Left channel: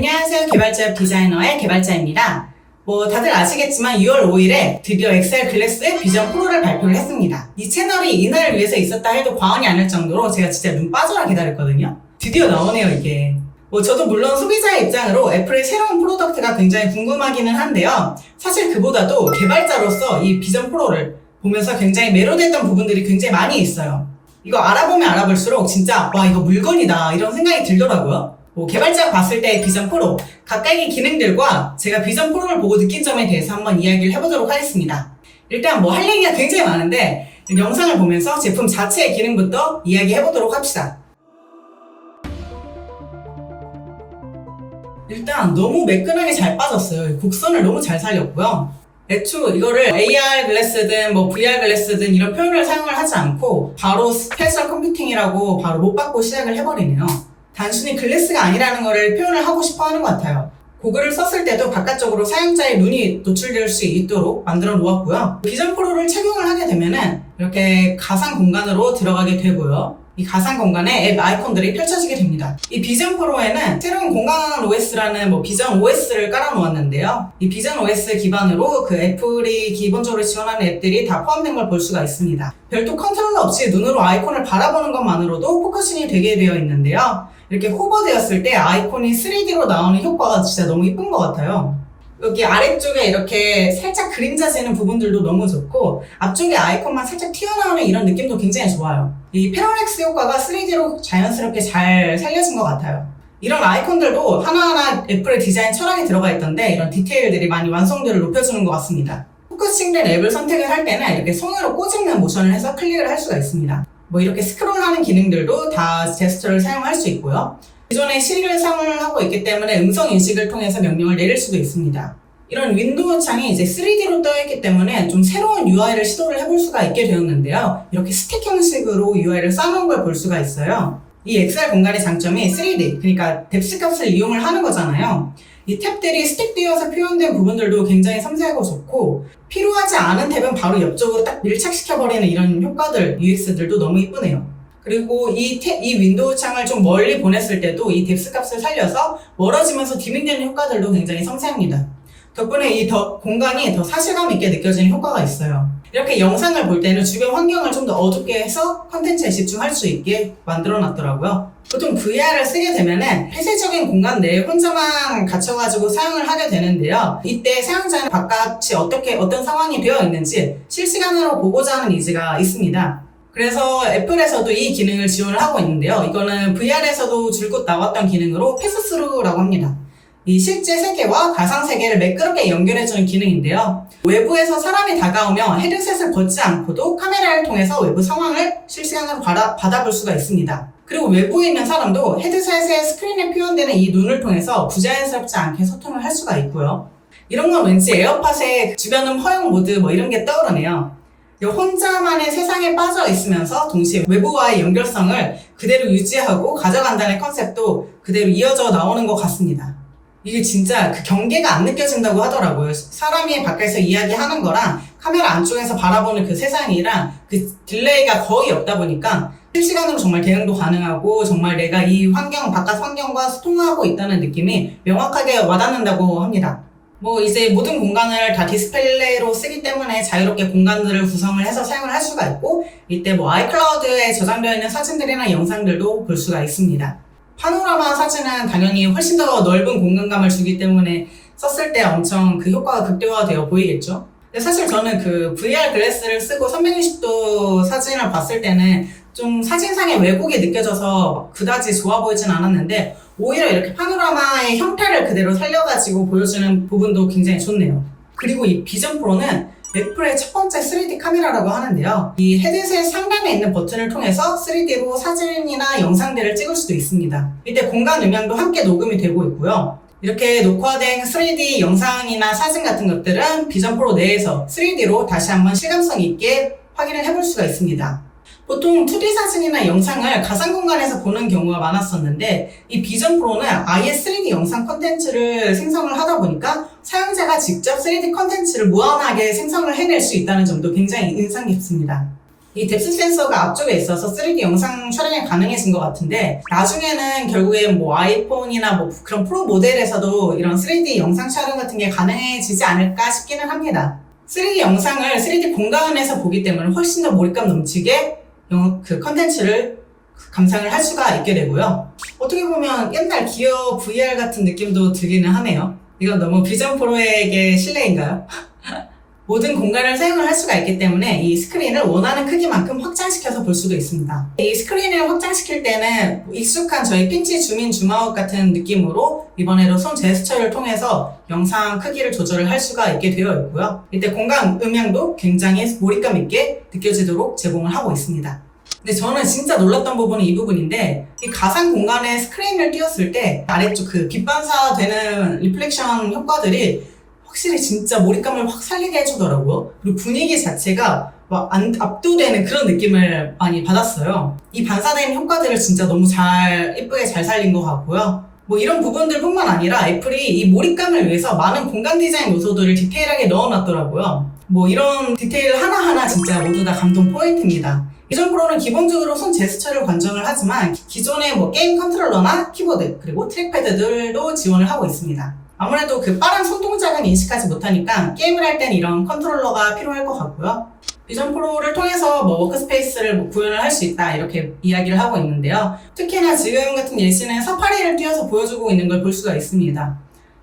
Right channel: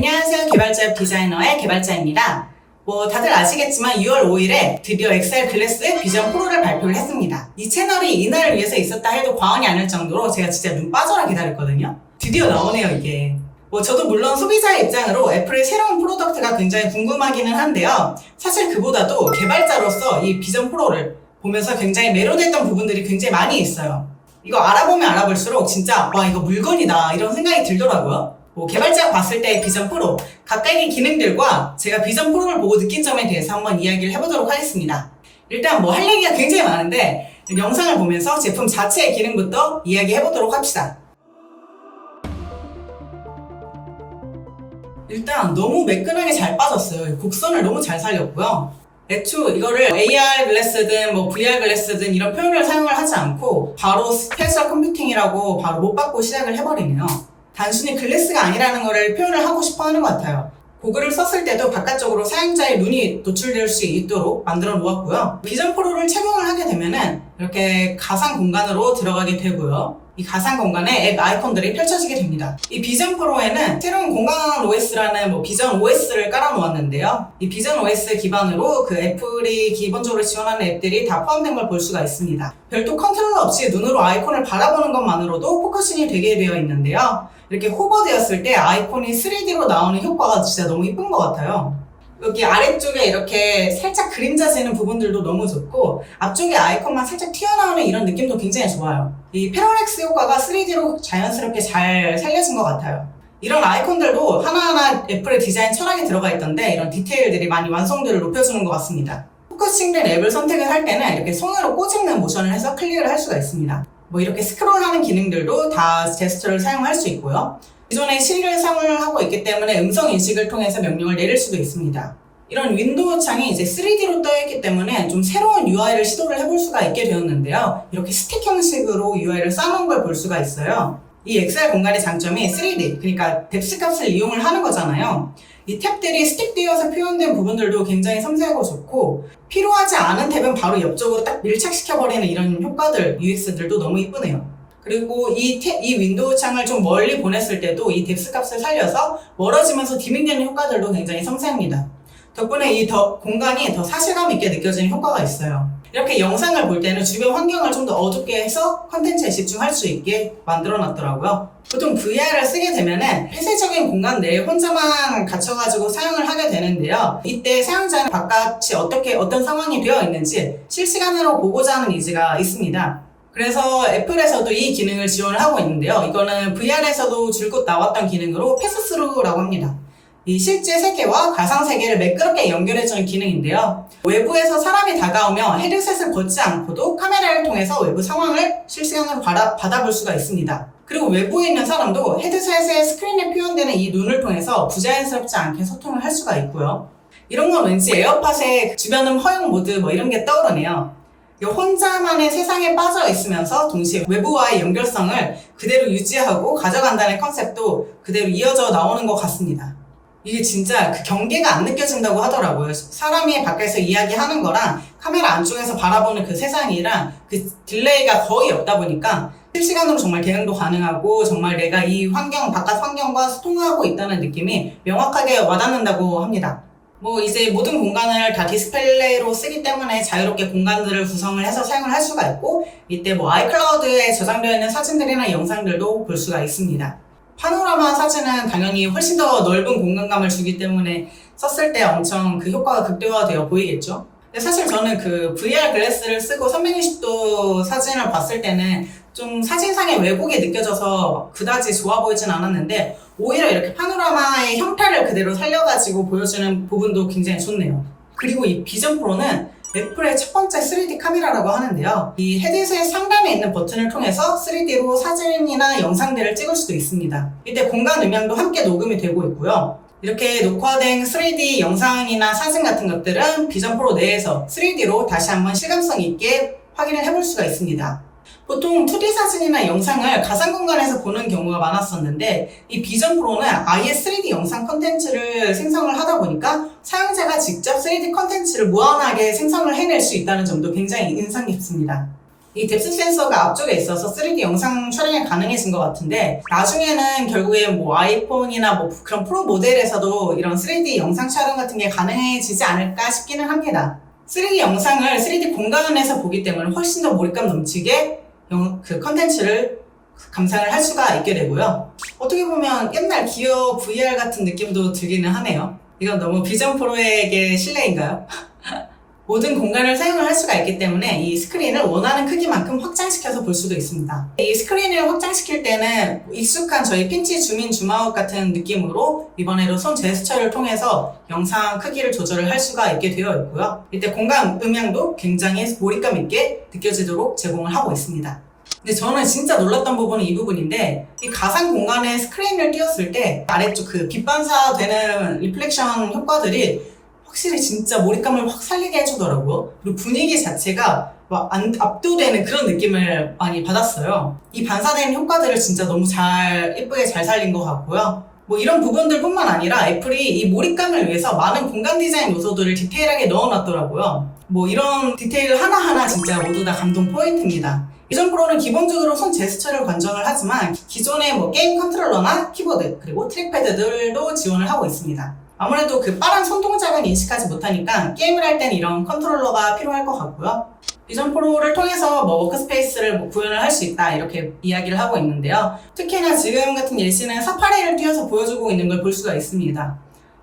안녕하세요. 개발자 디자이너의 개발자입니다. 다들 아시겠지만 6월 5일에 드디어 엑셀 글래스 비전 프로를 발표를 했습니다. 이 채널이 이날을 위해서 있었다 해도 과언이 아닐 정도로 제가 진짜 눈 빠져라 기다렸거든요. 드디어 나오네요, 이게. 저도 물론 소비자의 입장으로 애플의 새로운 프로덕트가 굉장히 궁금하기는 한데요. 사실 그보다도 개발자로서 이 비전 프로를 보면서 굉장히 매료됐던 부분들이 굉장히 많이 있어요. 이거 알아보면 알아볼수록 진짜 와, 이거 물건이다 이런 생각이 들더라고요. 개발자가 봤을 때 비전 프로, 각각의 기능들과 제가 비전 프로를 보고 느낀 점에 대해서 한번 이야기를 해보도록 하겠습니다. 일단 할 얘기가 굉장히 많은데 영상을 보면서 제품 자체의 기능부터 이야기해보도록 합시다. 일단 너무 매끈하게 잘 빠졌어요. 곡선을 너무 잘 살렸고요. 애초 이거를 AR 글래스든 VR 글래스든 이런 표현을 사용을 하지 않고 바로 스페셜 컴퓨팅이라고 바로 못 받고 시작을 해버리네요. 단순히 글래스가 아니라는 거를 표현을 하고 싶어 하는 것 같아요. 고글을 썼을 때도 바깥쪽으로 사용자의 눈이 노출될 수 있도록 만들어 놓았고요. 비전 프로를 착용을 하게 되면은 이렇게 가상 공간으로 들어가게 되고요. 이 가상 공간에 앱 아이콘들이 펼쳐지게 됩니다. 이 비전 프로에는 새로운 공간 OS라는 비전 OS를 깔아 놓았는데요. 이 비전 OS 기반으로 그 애플이 기본적으로 지원하는 앱들이 다 포함된 걸 볼 수가 있습니다. 별도 컨트롤러 없이 눈으로 아이콘을 바라보는 것만으로도 포커싱이 되게 되어 있는데요. 이렇게 호버되었을 때 아이콘이 3D로 나오는 효과가 진짜 너무 이쁜 것 같아요. 여기 아래쪽에 이렇게 살짝 그림자지는 부분들도 너무 좋고 앞쪽에 아이콘만 살짝 튀어나오는 이런 느낌도 굉장히 좋아요. 이 패러렉스 효과가 3D로 자연스럽게 잘 살려진 것 같아요. 이런 아이콘들도 하나하나 애플의 디자인 철학이 들어가 있던데 이런 디테일들이 많이 완성도를 높여주는 것 같습니다. 포커싱된 앱을 선택을 할 때는 이렇게 손으로 꼬집는 모션을 해서 클릭을 할 수가 있습니다. 이렇게 스크롤하는 기능들도 다 제스처를 사용할 수 있고요. 기존에 시리를 사용을 하고 있기 때문에 음성 인식을 통해서 명령을 내릴 수도 있습니다. 이런 윈도우 창이 이제 3D로 떠있기 때문에 좀 새로운 UI를 시도를 해볼 수가 있게 되었는데요. 이렇게 스틱 형식으로 UI를 쌓아놓은 걸 볼 수가 있어요. 이 엑셀 공간의 장점이 3D, 그러니까 뎁스 값을 이용을 하는 거잖아요. 이 탭들이 스틱되어서 표현된 부분들도 굉장히 섬세하고 좋고 필요하지 않은 탭은 바로 옆쪽으로 딱 밀착시켜버리는 이런 효과들, UX들도 너무 이쁘네요. 그리고 이 윈도우 창을 좀 멀리 보냈을 때도 이 뎁스 값을 살려서 멀어지면서 디밍되는 효과들도 굉장히 섬세합니다. 덕분에 이 공간이 더 사실감 있게 느껴지는 효과가 있어요. 이렇게 영상을 볼 때는 주변 환경을 좀 더 어둡게 해서 컨텐츠에 집중할 수 있게 만들어 놨더라고요. 보통 VR을 쓰게 되면은 폐쇄적인 공간 내에 혼자만 갇혀가지고 사용을 하게 되는데요. 이때 사용자는 바깥이 어떤 상황이 되어 있는지 실시간으로 보고자 하는 니즈가 있습니다. 그래서 애플에서도 이 기능을 지원을 하고 있는데요. 이거는 VR에서도 줄곧 나왔던 기능으로 패스스루라고 합니다. 이 실제 세계와 가상 세계를 매끄럽게 연결해주는 기능인데요. 외부에서 사람이 다가오면 헤드셋을 벗지 않고도 카메라를 통해서 외부 상황을 실시간으로 받아볼 수가 있습니다. 그리고 외부에 있는 사람도 헤드셋의 스크린에 표현되는 이 눈을 통해서 부자연스럽지 않게 소통을 할 수가 있고요. 이런 건 왠지 에어팟의 주변음 허용 모드 이런 게 떠오르네요. 혼자만의 세상에 빠져 있으면서 동시에 외부와의 연결성을 그대로 유지하고 가져간다는 컨셉도 그대로 이어져 나오는 것 같습니다. 이게 진짜 그 경계가 안 느껴진다고 하더라고요. 사람이 밖에서 이야기하는 거랑 카메라 안쪽에서 바라보는 그 세상이랑 그 딜레이가 거의 없다 보니까 실시간으로 정말 대응도 가능하고 정말 내가 이 바깥 환경과 소통하고 있다는 느낌이 명확하게 와닿는다고 합니다. 이제 모든 공간을 다 디스플레이로 쓰기 때문에 자유롭게 공간들을 구성을 해서 사용을 할 수가 있고 이때 아이클라우드에 저장되어 있는 사진들이나 영상들도 볼 수가 있습니다. 파노라마 사진은 당연히 훨씬 더 넓은 공간감을 주기 때문에 썼을 때 엄청 그 효과가 극대화되어 보이겠죠? 근데 사실 저는 그 VR 글래스를 쓰고 360도 사진을 봤을 때는 좀 사진상의 왜곡이 느껴져서 그다지 좋아 보이진 않았는데 오히려 이렇게 파노라마의 형태를 그대로 살려가지고 보여주는 부분도 굉장히 좋네요. 그리고 이 비전 프로는 애플의 첫 번째 3D 카메라라고 하는데요. 이 헤드셋 상단에 있는 버튼을 통해서 3D로 사진이나 영상들을 찍을 수도 있습니다. 이때 공간 음향도 함께 녹음이 되고 있고요. 이렇게 녹화된 3D 영상이나 사진 같은 것들은 비전 프로 내에서 3D로 다시 한번 실감성 있게 확인을 해볼 수가 있습니다. 보통 2D 사진이나 영상을 가상 공간에서 보는 경우가 많았었는데 이 비전 프로는 아예 3D 영상 컨텐츠를 생성을 하다 보니까 사용자가 직접 3D 컨텐츠를 무한하게 생성을 해낼 수 있다는 점도 굉장히 인상 깊습니다. 이 뎁스 센서가 앞쪽에 있어서 3D 영상 촬영이 가능해진 것 같은데 나중에는 결국엔 뭐 아이폰이나 뭐 그런 프로 모델에서도 이런 3D 영상 촬영 같은 게 가능해지지 않을까 싶기는 합니다. 3D 영상을 3D 공간에서 보기 때문에 훨씬 더 몰입감 넘치게 그 컨텐츠를 감상을 할 수가 있게 되고요. 어떻게 보면 옛날 기어 VR 같은 느낌도 들기는 하네요. 이건 너무 비전 프로에게 실례인가요? 모든 공간을 사용을 할 수가 있기 때문에 이 스크린을 원하는 크기만큼 확장시켜서 볼 수도 있습니다. 이 스크린을 확장시킬 때는 익숙한 저희 핀치 줌인 줌아웃 같은 느낌으로 이번에도 손 제스처를 통해서 영상 크기를 조절을 할 수가 있게 되어 있고요. 이때 공간 음향도 굉장히 몰입감 있게 느껴지도록 제공을 하고 있습니다. 근데 저는 진짜 놀랐던 부분은 이 부분인데 이 가상 공간에 스크린을 띄웠을 때 아래쪽 그 빛 반사되는 리플렉션 효과들이 확실히 진짜 몰입감을 확 살리게 해주더라고요. 그리고 분위기 자체가 막 압도되는 그런 느낌을 많이 받았어요. 이 반사되는 효과들을 진짜 너무 예쁘게 잘 살린 것 같고요. 뭐 이런 부분들 뿐만 아니라 애플이 이 몰입감을 위해서 많은 공간 디자인 요소들을 디테일하게 넣어놨더라고요. 뭐 이런 디테일 하나하나 진짜 모두 다 감동 포인트입니다. 비전 프로는 기본적으로 손 제스처를 관정을 하지만 기존의 뭐 게임 컨트롤러나 키보드 그리고 트랙패드들도 지원을 하고 있습니다. 아무래도 그 빠른 손 동작은 인식하지 못하니까 게임을 할 땐 이런 컨트롤러가 필요할 것 같고요. 비전 프로를 통해서 뭐 워크스페이스를 뭐 구현을 할 수 있다 이렇게 이야기를 하고 있는데요. 특히나 지금 같은 예시는 사파리를 띄워서 보여주고 있는 걸 볼 수가 있습니다.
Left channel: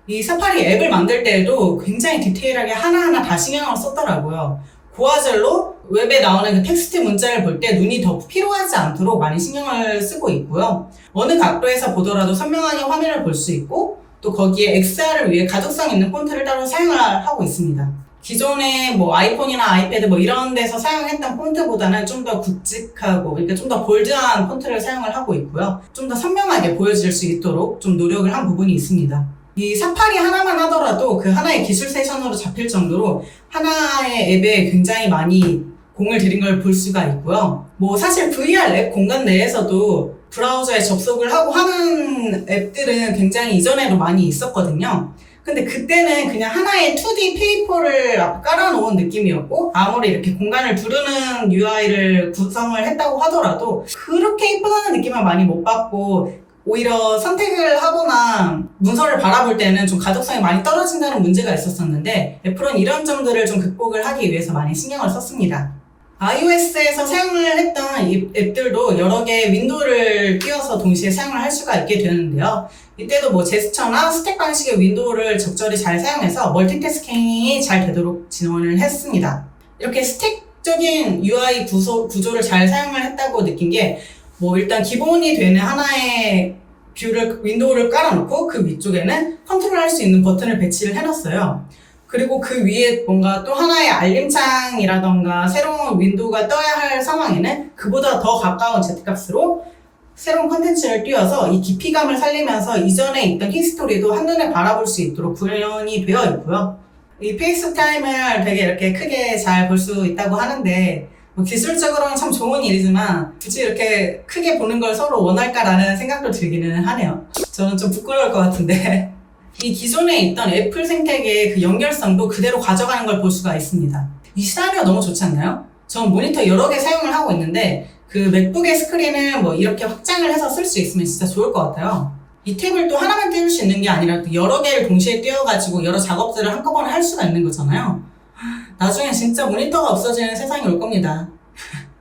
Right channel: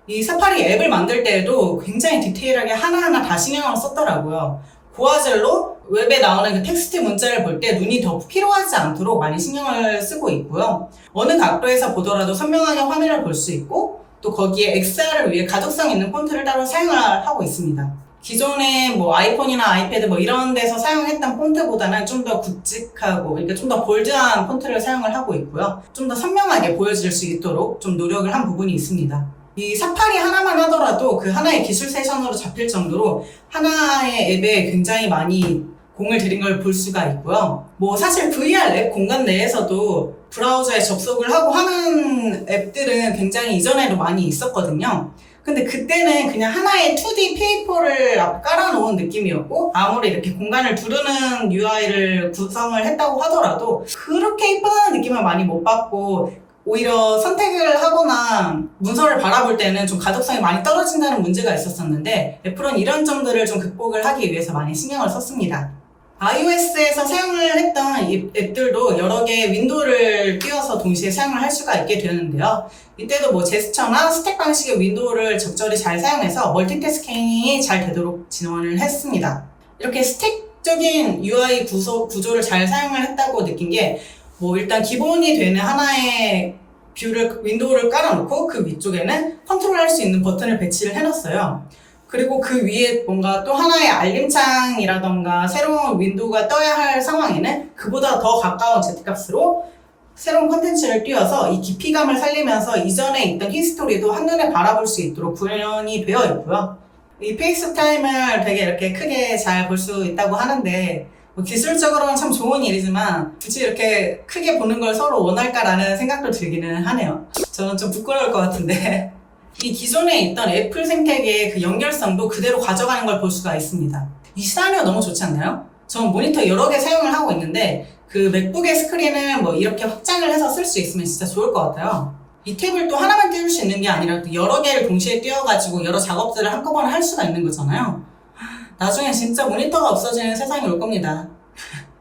이 사파리 앱을 만들 때에도 굉장히 디테일하게 하나하나 다 신경을 썼더라고요. 고화질로 웹에 나오는 그 텍스트 문자를 볼 때 눈이 더 피로하지 않도록 많이 신경을 쓰고 있고요. 어느 각도에서 보더라도 선명하게 화면을 볼 수 있고 또 거기에 XR을 위해 가독성 있는 폰트를 따로 사용을 하고 있습니다. 기존의 뭐 아이폰이나 아이패드 뭐 이런 데서 사용했던 폰트보다는 좀 더 굵직하고 그러니까 좀 더 볼드한 폰트를 사용을 하고 있고요. 좀 더 선명하게 보여질 수 있도록 좀 노력을 한 부분이 있습니다. 이 사파리 하나만 하더라도 그 하나의 기술 세션으로 잡힐 정도로 하나의 앱에 굉장히 많이 공을 들인 걸 볼 수가 있고요. 뭐 사실 VR 앱 공간 내에서도 브라우저에 접속을 하고 하는 앱들은 굉장히 이전에도 많이 있었거든요. 근데 그때는 그냥 하나의 2D 페이퍼를 깔아놓은 느낌이었고 아무리 이렇게 공간을 두르는 UI를 구성을 했다고 하더라도 그렇게 이쁘다는 느낌을 많이 못 받고 오히려 선택을 하거나 문서를 바라볼 때는 좀 가독성이 많이 떨어진다는 문제가 있었었는데 애플은 이런 점들을 좀 극복을 하기 위해서 많이 신경을 썼습니다. iOS에서 사용을 했던 이 앱들도 여러 개의 윈도우를 띄워서 동시에 사용을 할 수가 있게 되는데요. 이때도 뭐 제스처나 스택 방식의 윈도우를 적절히 잘 사용해서 멀티태스킹이 잘 되도록 지원을 했습니다. 이렇게 스택적인 UI 구조를 잘 사용을 했다고 느낀 게 뭐 일단 기본이 되는 하나의 윈도우를 깔아놓고 그 위쪽에는 컨트롤할 수 있는 버튼을 배치를 해놨어요. 그리고 그 위에 뭔가 또 하나의 알림창이라던가 새로운 윈도우가 떠야 할 상황에는 그보다 더 가까운 Z값으로 새로운 컨텐츠를 띄워서 이 깊이감을 살리면서 이전에 있던 히스토리도 한눈에 바라볼 수 있도록 구현이 되어 있고요. 이 페이스타임을 되게 이렇게 크게 잘 볼 수 있다고 하는데 뭐 기술적으로는 참 좋은 일이지만 굳이 이렇게 크게 보는 걸 서로 원할까라는 생각도 들기는 하네요. 저는 좀 부끄러울 것 같은데 이 기존에 있던 애플 생태계의 그 연결성도 그대로 가져가는 걸 볼 수가 있습니다. 이 시나리오 너무 좋지 않나요? 저는 모니터 여러 개 사용을 하고 있는데 그 맥북의 스크린을 뭐 이렇게 확장을 해서 쓸 수 있으면 진짜 좋을 것 같아요. 이 탭을 또 하나만 띄울 수 있는 게 아니라 여러 개를 동시에 띄워가지고 여러 작업들을 한꺼번에 할 수가 있는 거잖아요. 나중에 진짜 모니터가 없어지는 세상이 올 겁니다.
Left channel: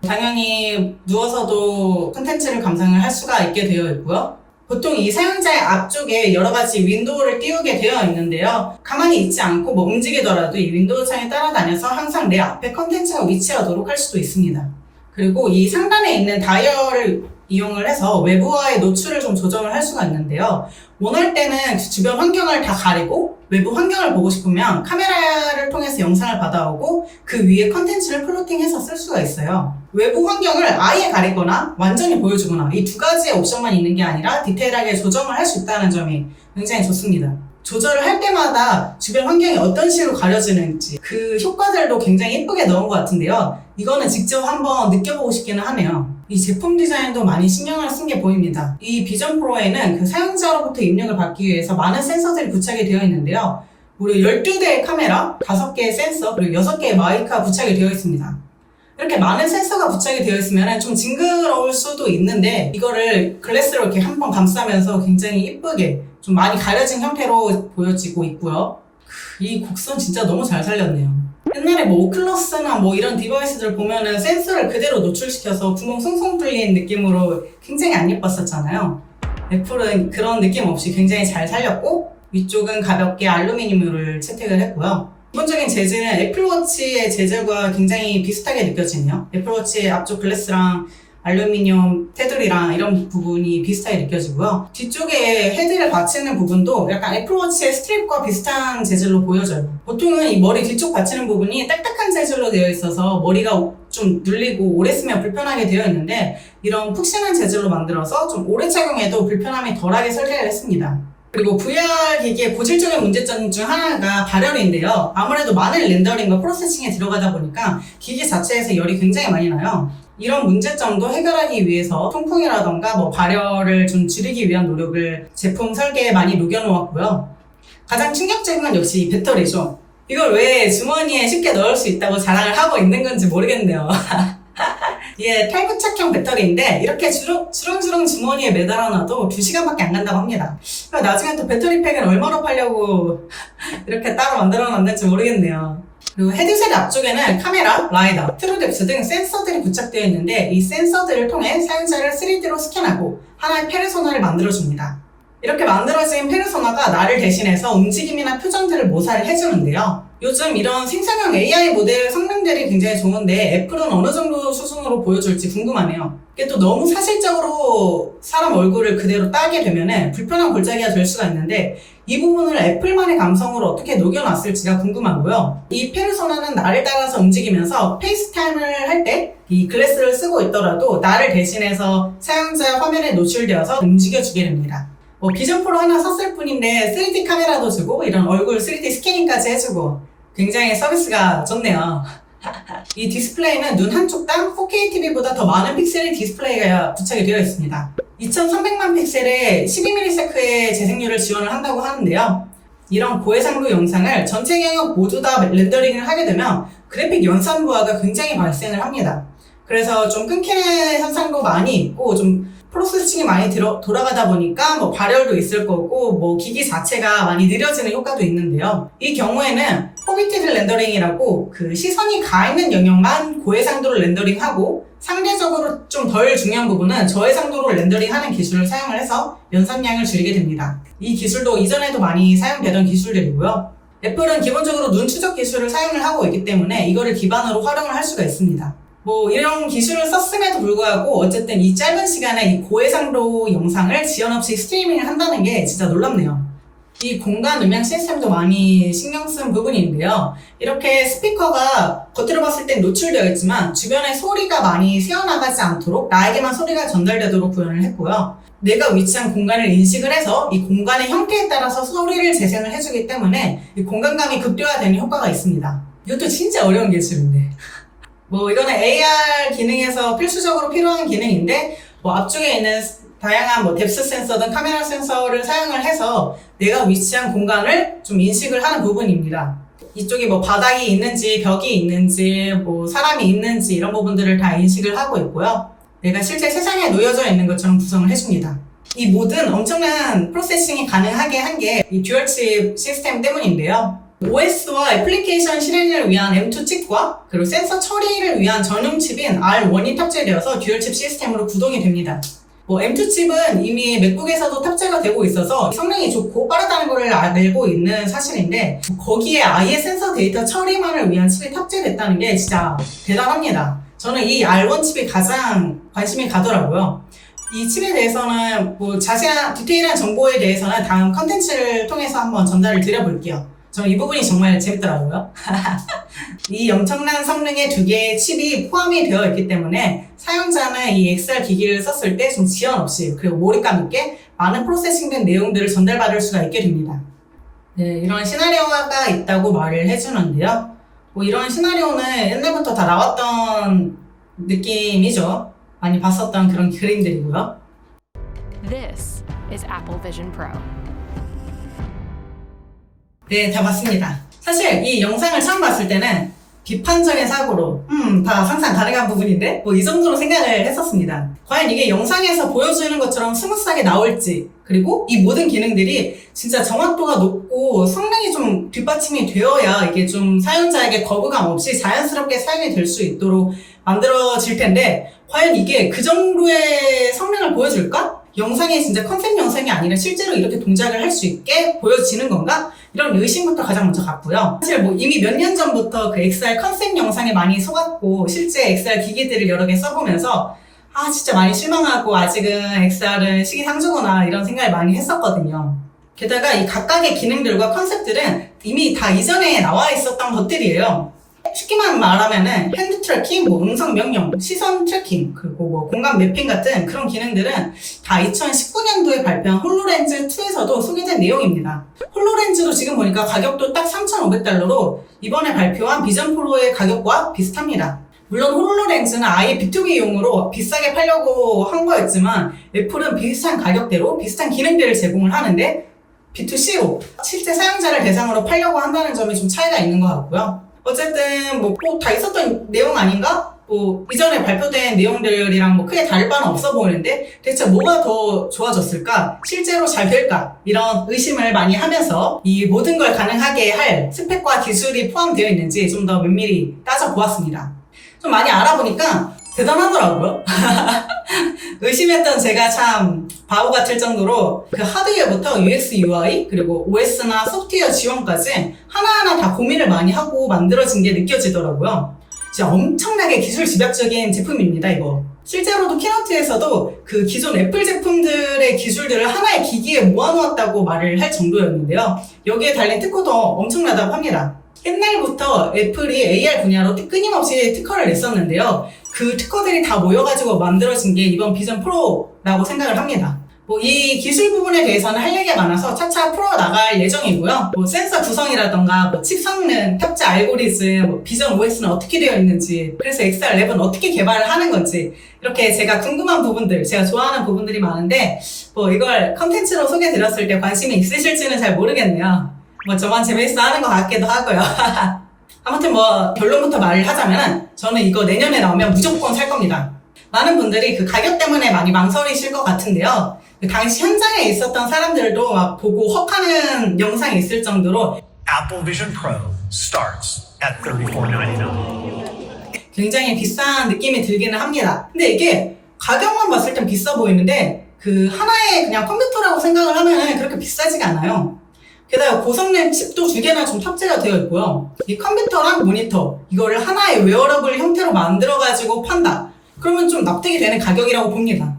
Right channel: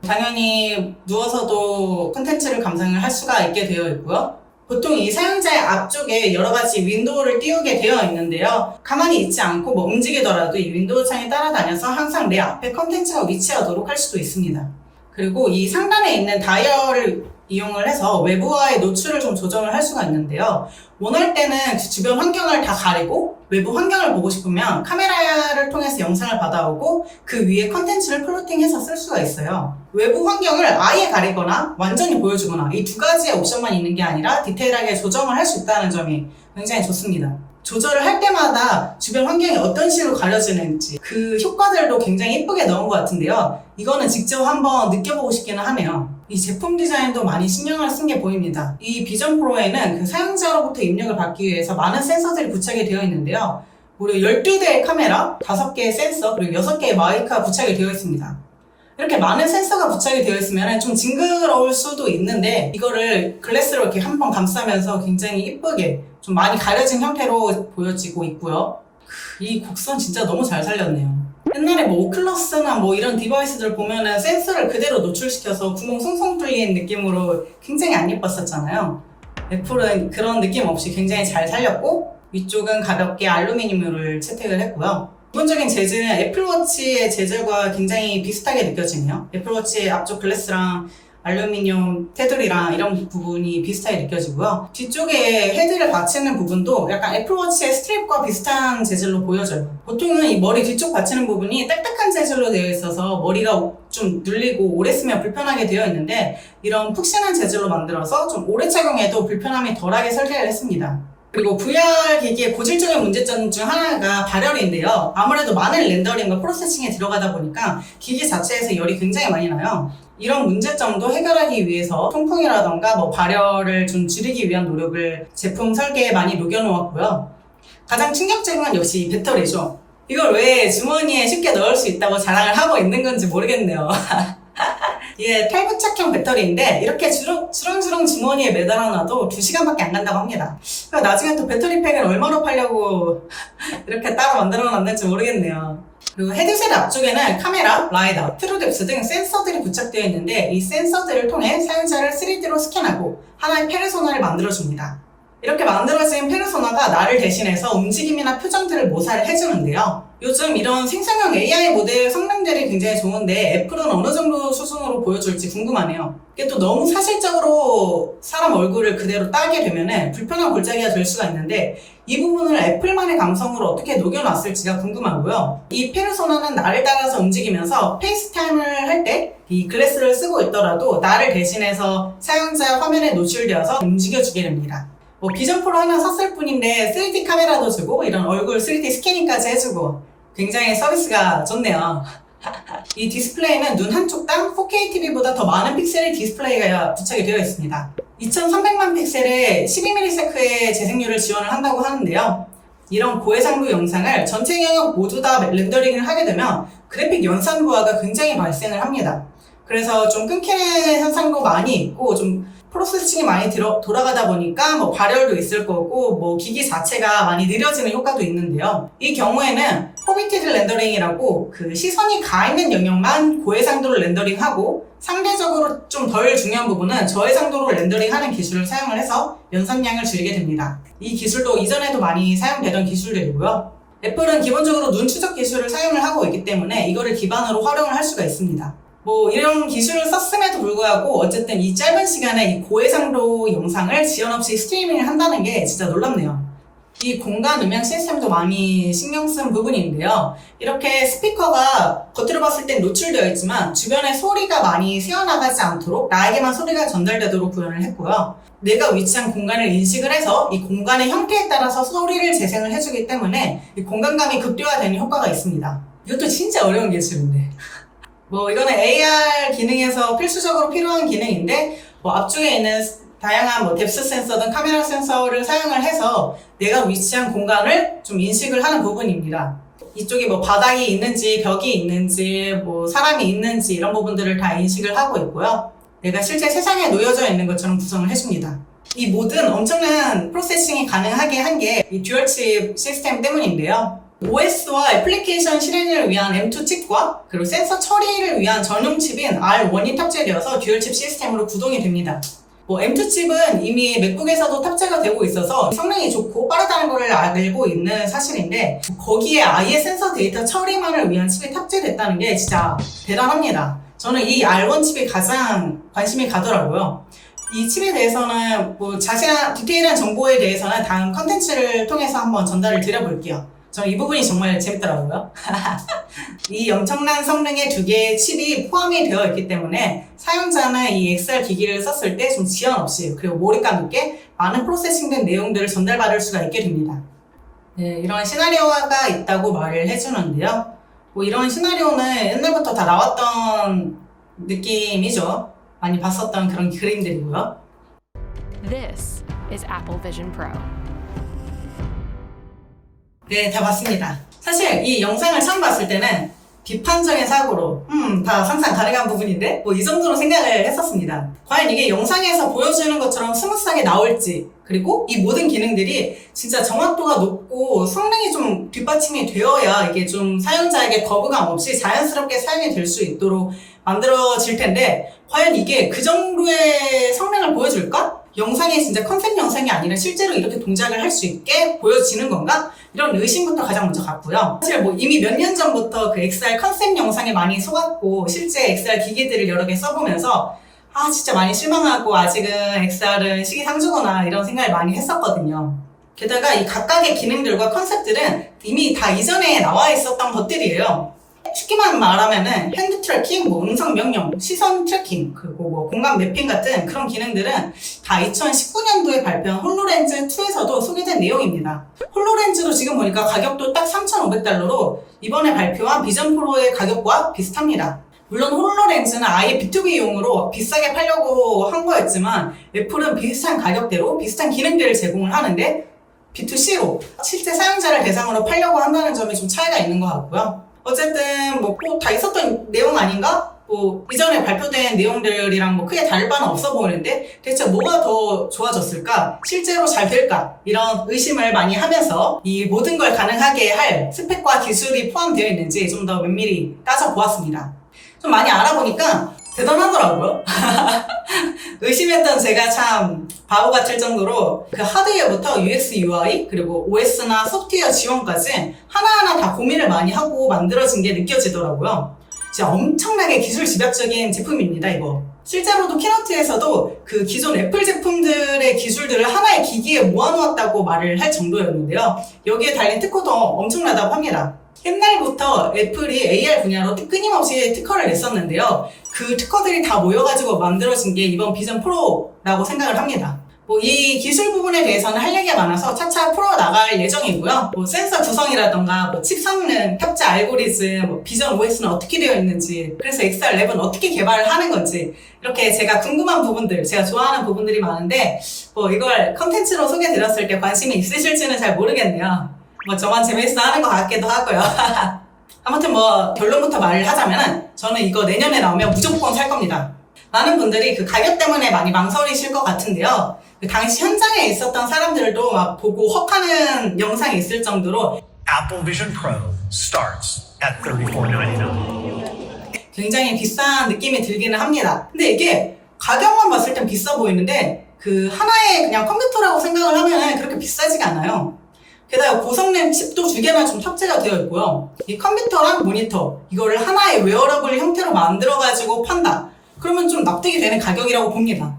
당연히 누워서도 콘텐츠를 감상을 할 수가 있게 되어 있고요. 보통 이 사용자의 앞쪽에 여러 가지 윈도우를 띄우게 되어 있는데요. 가만히 있지 않고 뭐 움직이더라도 이 윈도우 창에 따라다녀서 항상 내 앞에 콘텐츠가 위치하도록 할 수도 있습니다. 그리고 이 상단에 있는 다이얼을 이용을 해서 외부와의 노출을 좀 조정을 할 수가 있는데요. 원할 때는 주변 환경을 다 가리고 외부 환경을 보고 싶으면 카메라를 통해서 영상을 받아오고 그 위에 컨텐츠를 플로팅해서 쓸 수가 있어요. 외부 환경을 아예 가리거나 완전히 보여주거나 이 두 가지의 옵션만 있는 게 아니라 디테일하게 조정을 할 수 있다는 점이 굉장히 좋습니다. 조절을 할 때마다 주변 환경이 어떤 식으로 가려지는지 그 효과들도 굉장히 예쁘게 넣은 것 같은데요. 이거는 직접 한번 느껴보고 싶기는 하네요. 이 제품 디자인도 많이 신경을 쓴 게 보입니다. 이 비전 프로에는 그 사용자로부터 입력을 받기 위해서 많은 센서들이 부착이 되어 있는데요. 무려 12대의 카메라, 5개의 센서, 그리고 6개의 마이크가 부착이 되어 있습니다. 이렇게 많은 센서가 부착이 되어 있으면 좀 징그러울 수도 있는데 이거를 글래스로 이렇게 한 번 감싸면서 굉장히 이쁘게 좀 많이 가려진 형태로 보여지고 있고요. 이 곡선 진짜 너무 잘 살렸네요. 옛날에 뭐 오클러스나 뭐 이런 디바이스들 보면은 센서를 그대로 노출시켜서 구멍 숭숭 뚫린 느낌으로 굉장히 안 예뻤었잖아요. 애플은 그런 느낌 없이 굉장히 잘 살렸고 위쪽은 가볍게 알루미늄을 채택을 했고요. 기본적인 재질은 애플워치의 재질과 굉장히 비슷하게 느껴지네요. 애플워치의 앞쪽 글래스랑 알루미늄 테두리랑 이런 부분이 비슷하게 느껴지고요. 뒤쪽에 헤드를 받치는 부분도 약간 애플워치의 스트립과 비슷한 재질로 보여져요. 보통은 이 머리 뒤쪽 받치는 부분이 딱딱한 재질로 되어 있어서 머리가 좀 눌리고 오래 쓰면 불편하게 되어 있는데 이런 푹신한 재질로 만들어서 좀 오래 착용해도 불편함이 덜하게 설계를 했습니다. 그리고 VR 기기의 고질적인 문제점 중 하나가 발열인데요. 아무래도 많은 렌더링과 프로세싱에 들어가다 보니까 기기 자체에서 열이 굉장히 많이 나요. 이런 문제점도 해결하기 위해서 통풍이라던가 뭐 발열을 좀 줄이기 위한 노력을 제품 설계에 많이 녹여놓았고요. 가장 충격적인 건 역시 배터리죠. 이걸 왜 주머니에 쉽게 넣을 수 있다고 자랑을 하고 있는 건지 모르겠네요. 이게 탈부착형 배터리인데 이렇게 주렁주렁 주머니에 매달아놔도 2시간밖에 안 간다고 합니다. 그러니까 나중에 또 배터리팩을 얼마로 팔려고 이렇게 따로 만들어놨는지 모르겠네요. 그리고 헤드셋 앞쪽에는 카메라, 라이더, 트루뎁스 등 센서들이 부착되어 있는데 이 센서들을 통해 사용자를 3D로 스캔하고 하나의 페르소나를 만들어줍니다. 이렇게 만들어진 페르소나가 나를 대신해서 움직임이나 표정들을 모사를 해주는데요. 요즘 이런 생성형 AI 모델 성능들이 굉장히 좋은데 애플은 어느 정도 수준으로 보여줄지 궁금하네요. 이게 또 너무 사실적으로 사람 얼굴을 그대로 따게 되면 불편한 골짜기가 될 수가 있는데 이 부분을 애플만의 감성으로 어떻게 녹여놨을지가 궁금하고요. 이 페르소나는 나를 따라서 움직이면서 페이스타임을 할 때 이 글래스를 쓰고 있더라도 나를 대신해서 사용자 화면에 노출되어서 움직여주게 됩니다. 뭐 비전 프로 하나 샀을 뿐인데 3D 카메라도 주고 이런 얼굴 3D 스캐닝까지 해주고 굉장히 서비스가 좋네요. 이 디스플레이는 눈 한쪽당 4K TV보다 더 많은 픽셀의 디스플레이가 부착이 되어 있습니다. 2300만 픽셀의 12ms의 재생률을 지원을 한다고 하는데요. 이런 고해상도 영상을 전체 영역 모두 다 렌더링을 하게 되면 그래픽 연산 부하가 굉장히 발생을 합니다. 그래서 좀 끊기는 현상도 많이 있고 좀 프로세싱이 많이 돌아가다 보니까 뭐 발열도 있을 거고 뭐 기기 자체가 많이 느려지는 효과도 있는데요. 이 경우에는 포비티드 렌더링이라고 그 시선이 가 있는 영역만 고해상도로 렌더링하고 상대적으로 좀 덜 중요한 부분은 저해상도로 렌더링하는 기술을 사용을 해서 연산량을 줄이게 됩니다. 이 기술도 이전에도 많이 사용되던 기술들이고요. 애플은 기본적으로 눈 추적 기술을 사용을 하고 있기 때문에 이거를 기반으로 활용을 할 수가 있습니다. 뭐 이런 기술을 썼음에도 불구하고 어쨌든 이 짧은 시간에 이 고해상도 영상을 지연 없이 스트리밍을 한다는 게 진짜 놀랍네요. 이 공간 음향 시스템도 많이 신경 쓴 부분인데요. 이렇게 스피커가 겉으로 봤을 땐 노출되어 있지만 주변에 소리가 많이 새어나가지 않도록 나에게만 소리가 전달되도록 구현을 했고요. 내가 위치한 공간을 인식을 해서 이 공간의 형태에 따라서 소리를 재생을 해주기 때문에 이 공간감이 극대화되는 효과가 있습니다. 이것도 진짜 어려운 기술인데 뭐 이거는 AR 기능에서 필수적으로 필요한 기능인데 뭐 앞쪽에 있는 다양한 뭐 뎁스 센서든 카메라 센서를 사용을 해서 내가 위치한 공간을 좀 인식을 하는 부분입니다. 이쪽에 뭐 바닥이 있는지 벽이 있는지 뭐 사람이 있는지 이런 부분들을 다 인식을 하고 있고요. 내가 실제 세상에 놓여져 있는 것처럼 구성을 해줍니다. 이 모든 엄청난 프로세싱이 가능하게 한 게 이 듀얼칩 시스템 때문인데요. OS와 애플리케이션 실행을 위한 M2 칩과 그리고 센서 처리를 위한 전용 칩인 R1이 탑재되어서 듀얼칩 시스템으로 구동이 됩니다. 뭐 M2 칩은 이미 맥북에서도 탑재가 되고 있어서 성능이 좋고 빠르다는 것을 알고 있는 사실인데 거기에 아예 센서 데이터 처리만을 위한 칩이 탑재됐다는 게 진짜 대단합니다. 저는 이 R1 칩이 가장 관심이 가더라고요. 이 칩에 대해서는 뭐 자세한 디테일한 정보에 대해서는 다음 컨텐츠를 통해서 한번 전달을 드려볼게요. 저는 이 부분이 정말 재밌더라고요. 이 엄청난 성능의 두 개의 칩이 포함이 되어 있기 때문에 사용자는 이 XR 기기를 썼을 때 좀 지연 없이 그리고 몰입감 있게 많은 프로세싱된 내용들을 전달받을 수가 있게 됩니다. 네, 이런 시나리오가 있다고 말을 해주는데요. 뭐 이런 시나리오는 옛날부터 다 나왔던 느낌이죠. 많이 봤었던 그런 그림들이고요. This is Apple Vision Pro. 네, 다 봤습니다. 사실 이 영상을 처음 봤을 때는 비판적인 사고로 다 상상 가능한 부분인데 뭐 이 정도로 생각을 했었습니다. 과연 이게 영상에서 보여주는 것처럼 스무스하게 나올지, 그리고 이 모든 기능들이 진짜 정확도가 높고 성능이 좀 뒷받침이 되어야 이게 좀 사용자에게 거부감 없이 자연스럽게 사용이 될 수 있도록 만들어질 텐데, 과연 이게 그 정도의 성능을 보여줄까? 영상이 진짜 컨셉 영상이 아니라 실제로 이렇게 동작을 할 수 있게 보여지는 건가? 이런 의심부터 가장 먼저 갔고요. 사실 뭐 이미 몇 년 전부터 그 XR 컨셉 영상에 많이 속았고, 실제 XR 기기들을 여러 개 써보면서 진짜 많이 실망하고 아직은 XR은 시기상조구나 이런 생각을 많이 했었거든요. 게다가 이 각각의 기능들과 컨셉들은 이미 다 이전에 나와 있었던 것들이에요. 쉽게만 말하면은 핸드 트래킹, 뭐 음성 명령, 시선 트래킹, 그리고 뭐 공간 매핑 같은 그런 기능들은 다 2019년도에 발표한 홀로렌즈 2에서도 소개된 내용입니다. 홀로렌즈도 지금 보니까 가격도 딱 3,500달러로 이번에 발표한 비전 프로의 가격과 비슷합니다. 물론 홀로렌즈는 아예 B2B용으로 비싸게 팔려고 한 거였지만 애플은 비슷한 가격대로 비슷한 기능들을 제공을 하는데 B2C로 실제 사용자를 대상으로 팔려고 한다는 점이 좀 차이가 있는 것 같고요. 어쨌든 뭐 꼭 다 있었던 내용 아닌가? 뭐 이전에 발표된 내용들이랑 뭐 크게 다를 바는 없어 보이는데 대체 뭐가 더 좋아졌을까? 실제로 잘 될까? 이런 의심을 많이 하면서 이 모든 걸 가능하게 할 스펙과 기술이 포함되어 있는지 좀 더 면밀히 따져보았습니다. 좀 많이 알아보니까 대단하더라고요. 의심했던 제가 참 바보 같을 정도로 그 하드웨어부터 UX, UI, 그리고 OS나 소프트웨어 지원까지 하나하나 다 고민을 많이 하고 만들어진 게 느껴지더라고요. 진짜 엄청나게 기술 집약적인 제품입니다, 이거. 실제로도 키노트에서도 그 기존 애플 제품들의 기술들을 하나의 기기에 모아놓았다고 말을 할 정도였는데요. 여기에 달린 특허도 엄청나다고 합니다. 옛날부터 애플이 AR 분야로 끊임없이 특허를 냈었는데요. 그 특허들이 다 모여가지고 만들어진 게 이번 비전 프로라고 생각을 합니다. 뭐 이 기술 부분에 대해서는 할 얘기가 많아서 차차 풀어나갈 예정이고요. 뭐 센서 구성이라던가 뭐 칩 성능, 탑재 알고리즘, 뭐 비전 OS는 어떻게 되어 있는지, 그래서 XR 랩은 어떻게 개발을 하는 건지, 이렇게 제가 궁금한 부분들, 제가 좋아하는 부분들이 많은데 뭐 이걸 컨텐츠로 소개해드렸을 때 관심이 있으실지는 잘 모르겠네요. 뭐 저만 재미있어 하는 것 같기도 하고요. 아무튼 뭐 결론부터 말을 하자면 저는 이거 내년에 나오면 무조건 살 겁니다. 많은 분들이 그 가격 때문에 많이 망설이실 것 같은데요. 그 당시 현장에 있었던 사람들도 막 보고 헉하는 영상이 있을 정도로 Apple Vision Pro starts at $34.99. 굉장히 비싼 느낌이 들기는 합니다. 근데 이게 가격만 봤을 땐 비싸 보이는데 그 하나의 그냥 컴퓨터라고 생각을 하면 그렇게 비싸지가 않아요. 게다가 고성능 칩도 2개나 좀 탑재가 되어 있고요. 이 컴퓨터랑 모니터, 이거를 하나의 웨어러블 형태로 만들어가지고 판다. 그러면 좀 납득이 되는 가격이라고 봅니다.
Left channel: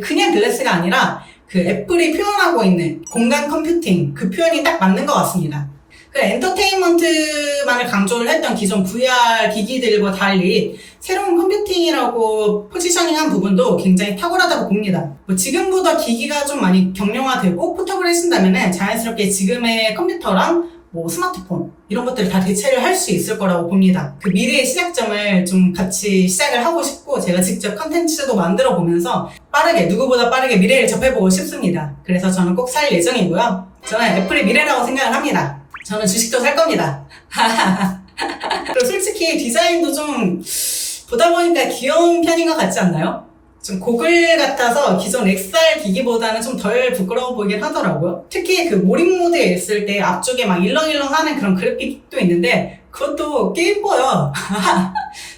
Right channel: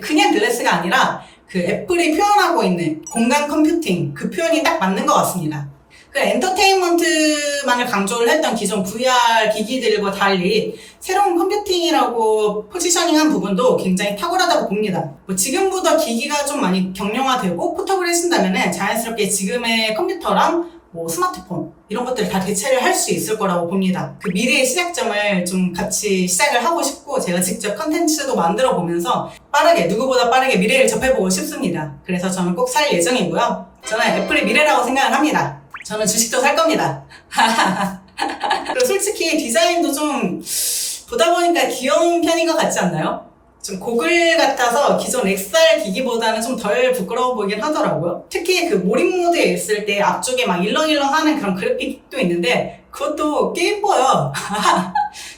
그냥 글래스가 아니라 그 애플이 표현하고 있는 공간 컴퓨팅, 그 표현이 딱 맞는 것 같습니다. 그 엔터테인먼트만을 강조를 했던 기존 VR 기기들과 달리 새로운 컴퓨팅이라고 포지셔닝한 부분도 굉장히 탁월하다고 봅니다. 뭐 지금보다 기기가 좀 많이 경량화되고 포터블 해진다면 자연스럽게 지금의 컴퓨터랑 뭐 스마트폰 이런 것들을 다 대체를 할 수 있을 거라고 봅니다. 그 미래의 시작점을 좀 같이 시작을 하고 싶고 제가 직접 컨텐츠도 만들어 보면서 누구보다 빠르게 미래를 접해보고 싶습니다. 그래서 저는 꼭 살 예정이고요. 저는 애플의 미래라고 생각을 합니다. 저는 주식도 살 겁니다. 그리고 솔직히 디자인도 좀 보다 보니까 귀여운 편인 것 같지 않나요? 좀 고글 같아서 기존 XR 기기보다는 좀 덜 부끄러워 보이긴 하더라고요. 특히 그 몰입 모드에 있을 때 앞쪽에 막 일렁일렁 하는 그런 그래픽도 있는데 그것도 꽤 예뻐요.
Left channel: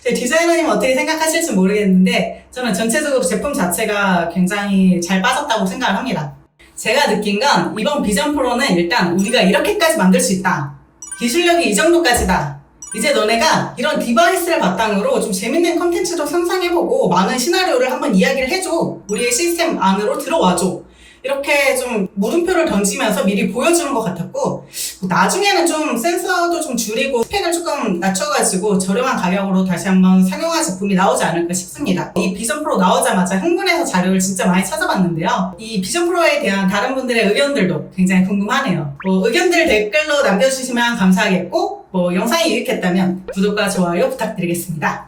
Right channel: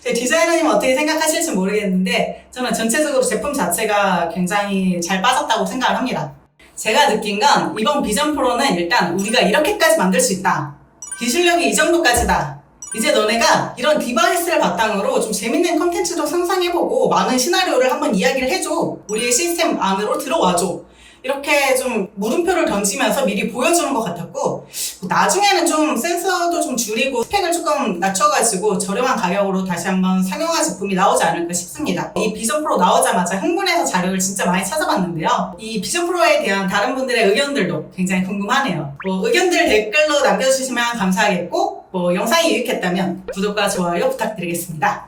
제 디자이너님 어떻게 생각하실지 모르겠는데 저는 전체적으로 제품 자체가 굉장히 잘 빠졌다고 생각을 합니다. 제가 느낀 건 이번 비전 프로는 일단 우리가 이렇게까지 만들 수 있다. 기술력이 이 정도까지다. 이제 너네가 이런 디바이스를 바탕으로 좀 재밌는 컨텐츠도 상상해보고 많은 시나리오를 한번 이야기를 해줘. 우리의 시스템 안으로 들어와줘. 이렇게 좀 물음표를 던지면서 미리 보여주는 것 같았고 나중에는 좀 센서도 좀 줄이고 스펙을 조금 낮춰가지고 저렴한 가격으로 다시 한번 상용화 제품이 나오지 않을까 싶습니다. 이 비전 프로 나오자마자 흥분해서 자료를 진짜 많이 찾아봤는데요. 이 비전 프로에 대한 다른 분들의 의견들도 굉장히 궁금하네요. 뭐 의견들 댓글로 남겨주시면 감사하겠고 뭐 영상이 유익했다면 구독과 좋아요 부탁드리겠습니다.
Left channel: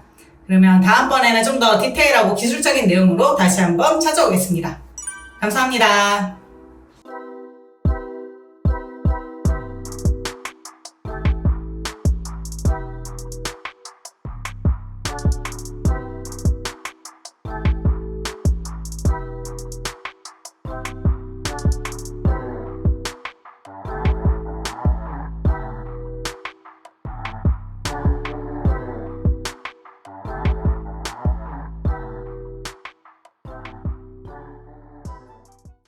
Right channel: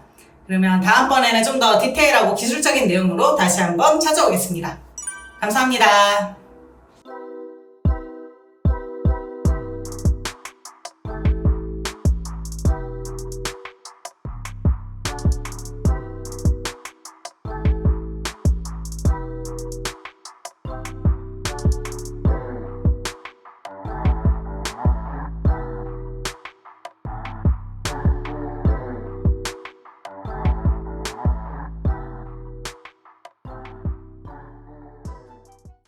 그러면 다음번에는 좀 더 디테일하고 기술적인 내용으로 다시 한번 찾아오겠습니다. 감사합니다.